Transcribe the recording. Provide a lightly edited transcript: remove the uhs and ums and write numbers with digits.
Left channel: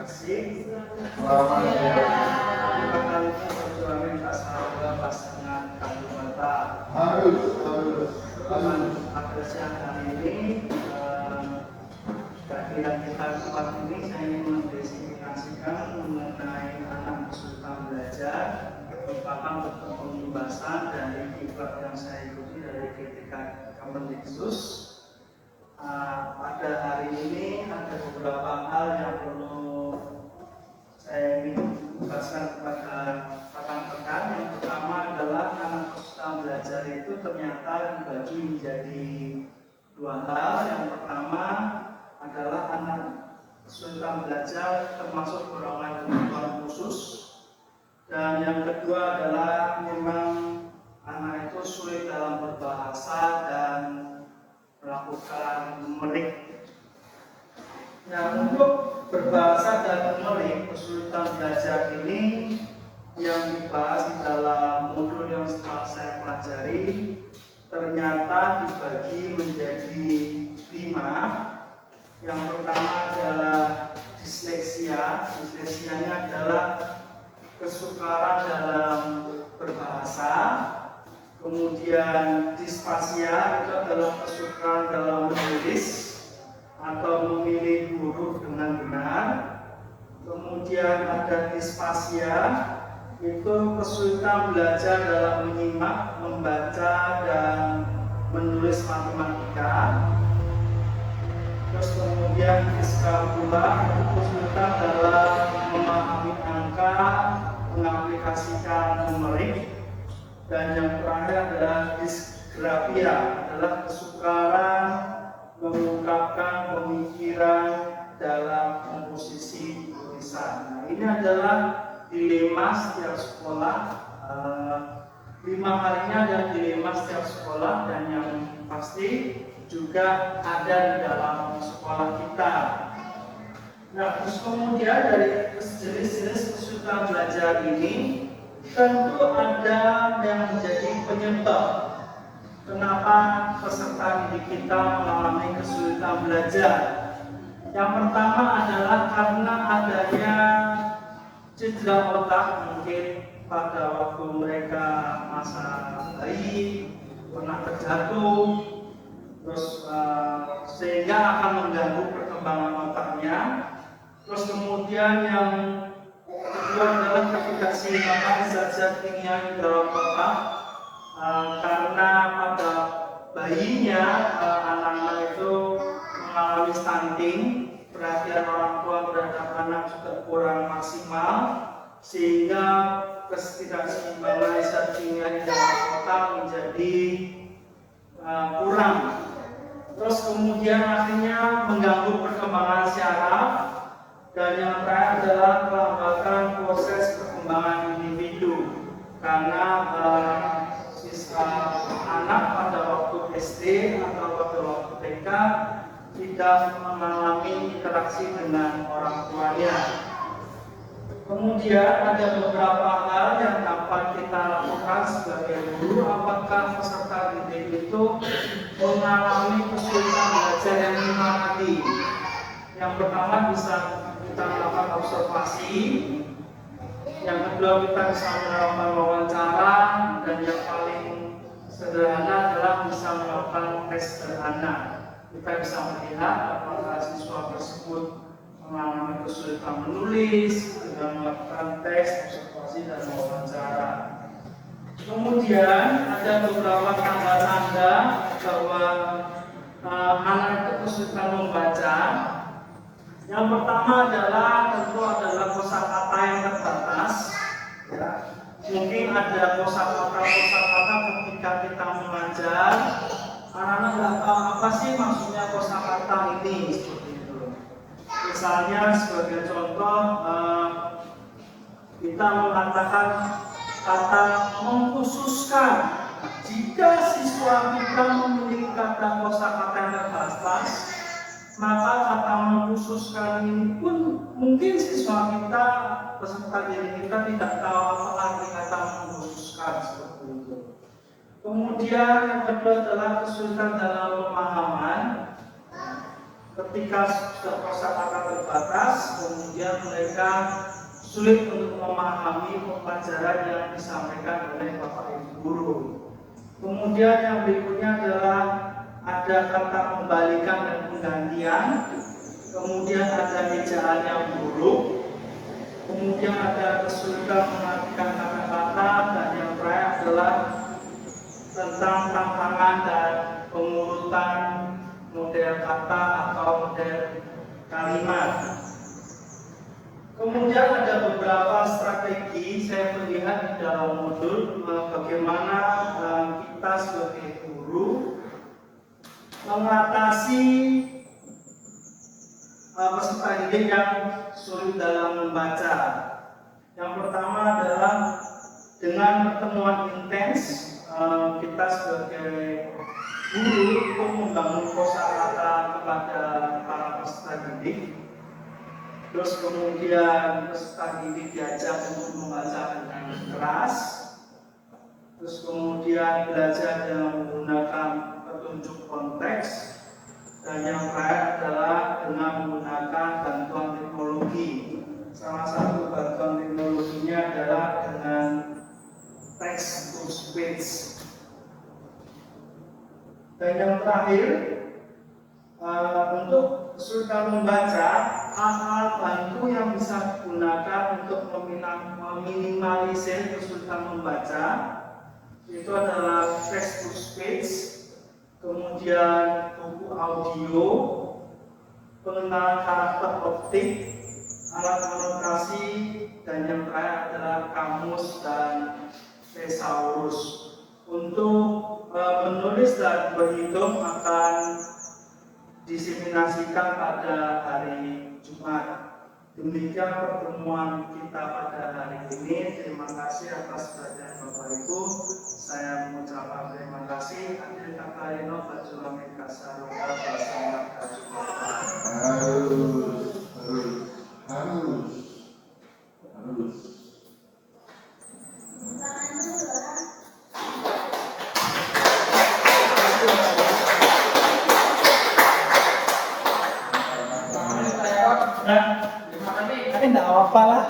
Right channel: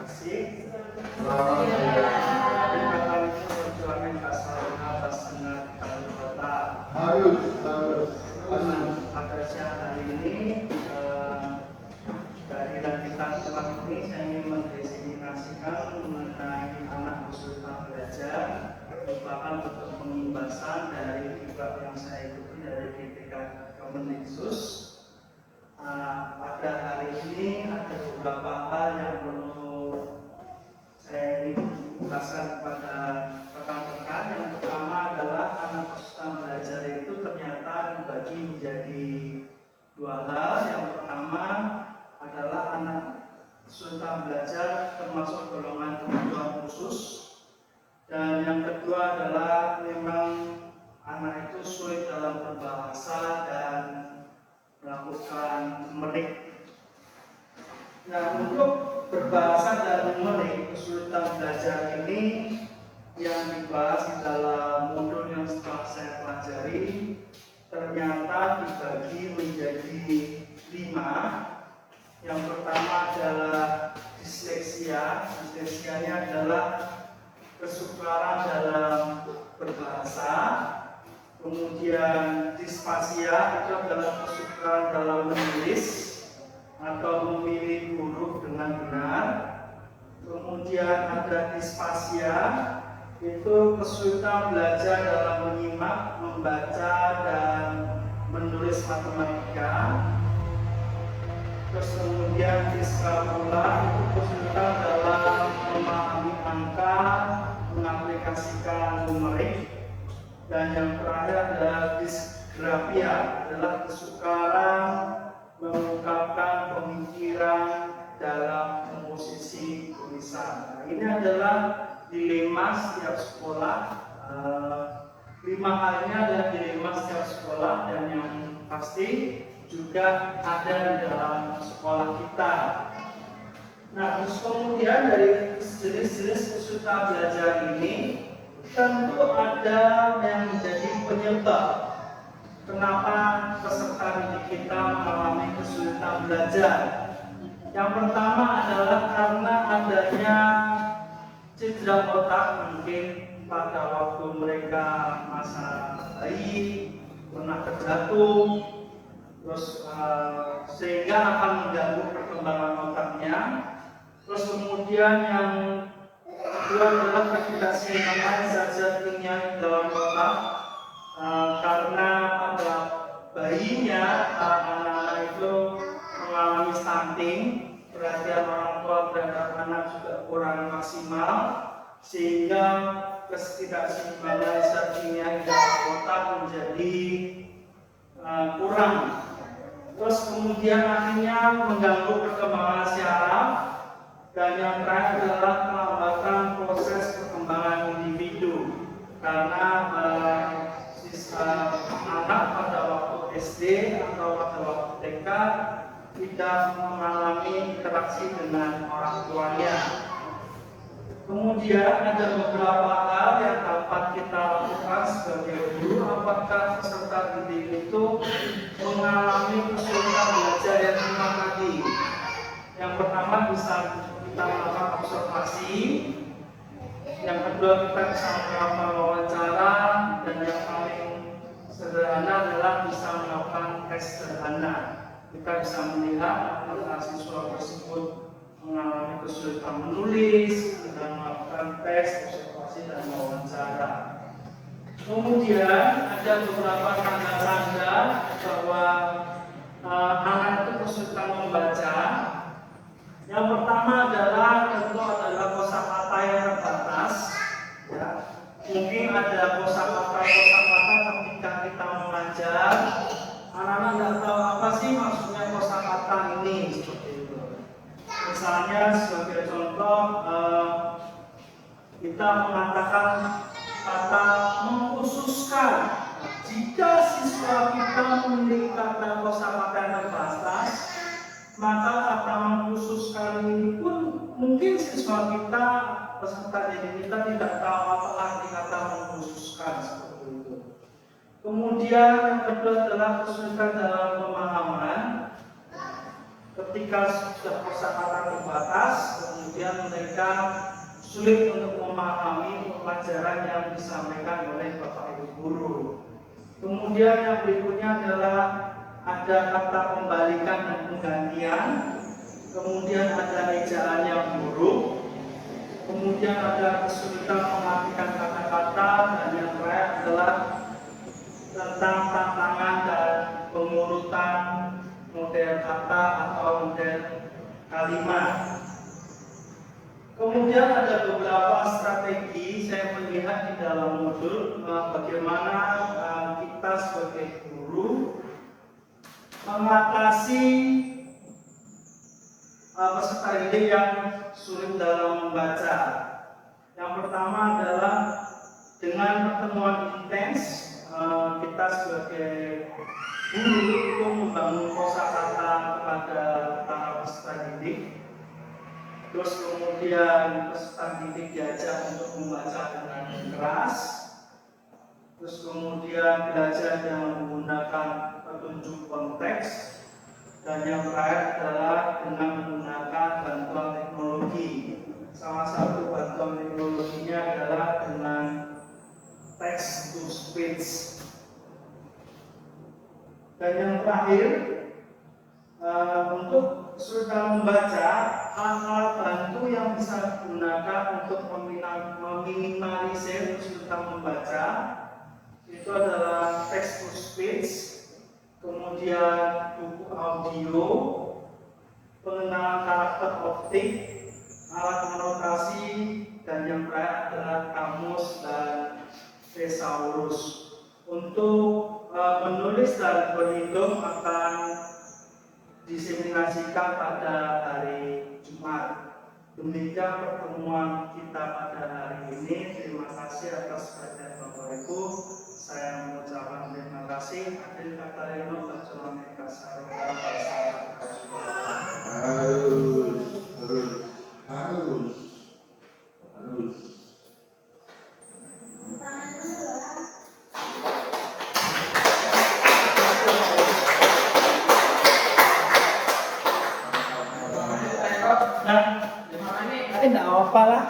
kasih. Kata perjuangan minta saudara pas tengah kami kota. Harus. Pada siang hari ini kehadiran kita tempat ini saya ingin mendeskripsikan mengenai anak kesulitan belajar merupakan bentuk pengimbasan dari diklat yang saya ikuti dari GTK Kemendikbud. Pada hari ini ada beberapa hal yang perlu saya ingin jelaskan kepada rekan-rekan. Yang pertama adalah anak kesulitan belajar itu ternyata dibagi menjadi dua hal. Yang pertama adalah anak kesulitan belajar termasuk golongan kebutuhan khusus, dan yang kedua adalah memang anak itu sulit dalam berbahasa dan melakukan memetik. Nah, untuk berbahasa dan memetik kesulitan belajar ini yang dibahas di dalam modul yang setelah saya pelajari ternyata dibagi menjadi 5. Yang pertama adalah disleksia. Disleksianya adalah kesukaran dalam berbahasa. Kemudian disfasia itu adalah kesukaran dalam menulis atau memilih huruf dengan benar. Kemudian ada disfasia, itu kesulitan belajar dalam menyimak, membaca, dan menulis matematika. Terus kemudian diskalkula, itu kesulitan dalam memahami angka, mengaplikasikan numerik. Dan yang terakhir adalah disgrafia, adalah kesukaran mengungkapkan pemikiran dalam komposisi tulisan. Nah, ini adalah dilema setiap sekolah. 5 hal ini adalah dilema setiap sekolah, dan yang pasti juga ada di dalam sekolah kita. Nah, terus kemudian dari jenis-jenis kesulitan belajar ini tentu ada yang menjadi penyebab kenapa peserta didik kita mengalami kesulitan belajar. Yang pertama adalah karena adanya cedera otak, mungkin pada waktu mereka masa bayi pernah terjatuh, terus sehingga akan mengganggu perkembangan otaknya. Terus kemudian yang kedua adalah ketidakseimbangan zat-zat kimia di dalam otak, karena pada bayinya anak-anak itu mengalami stunting, perhatian orang tua terhadap anak juga kurang maksimal, sehingga ketidakseimbangan zat kimia di dalam otak menjadi kurang. Terus kemudian akhirnya mengganggu perkembangan syaraf. Dan yang terakhir adalah melambangkan proses perkembangan individu, karena anak pada waktu SD atau pada waktu TK tidak mengalami interaksi dengan orang tuanya. Kemudian ada beberapa hal yang dapat kita lakukan sebagai guru apabila peserta didik itu mengalami kesulitan belajar yang memang tadi. Yang pertama bisa kita melakukan observasi, yang kedua kita bisa melakukan wawancara, dan yang paling sederhana adalah bisa melakukan tes sederhana. Kita bisa melihat apakah siswa tersebut mengalami kesulitan menulis dengan melakukan tes, observasi, dan wawancara. Kemudian ada beberapa tanda-tanda bahwa anak itu kesulitan membaca. Yang pertama adalah kosakata yang terbatas. Ya. Mungkin ada kosakata ketika kita mengajar, anak-anak nggak tahu apa sih maksudnya kosakata ini, seperti itu. Misalnya sebagai contoh, kita mengatakan kata mengkhususkan. Jika siswa kita memiliki kata kosakata yang terbatas, maka kata mengkhususkan ini pun mungkin siswa kita, peserta didik kita tidak tahu apa arti kata mengkhususkan, seperti itu. Kemudian yang kedua adalah kesulitan dalam pemahaman. Ketika sudah kosakata terbatas, kemudian kemudian mereka sulit untuk memahami pelajaran yang disampaikan oleh Bapak Ibu guru. Kemudian yang berikutnya adalah ada kata pembalikan dan penggantian, kemudian ada ejaan yang buruk, kemudian ada kesulitan mengartikan kata-kata, dan yang terakhir adalah tentang tantangan dan pengurutan model kata atau model kalimat. Kemudian ada beberapa strategi saya melihat di dalam modul bagaimana kita sebagai guru mengatasi peserta didik yang sulit dalam membaca. Yang pertama adalah dengan pertemuan intens, kita sebagai guru itu membangun kosakata kepada para peserta didik. Terus kemudian peserta didik diajak untuk membaca dengan keras. Terus kemudian belajar dengan menggunakan petunjuk konteks. Dan yang terakhir adalah dengan menggunakan bantuan teknologi. Salah satu bantuan teknologinya adalah dengan text to speech. Dan yang terakhir, untuk kesulitan membaca, alat bantu yang bisa digunakan untuk meminimalisir kesulitan membaca itu adalah text to speech, kemudian buku audio, pengenalan karakter optik, alat anotasi, dan yang terakhir adalah kamus dan thesaurus. Untuk menulis dan berhitung akan diseminasikan pada hari Jumat. Demikian pertemuan kita pada hari ini. Terima kasih atas perhatian Bapak Ibu. Saya mengucapkan terima kasih. Adil kata Rino Bajulam Kasarwa bersama harus. Nah, enggak apa-apa lah.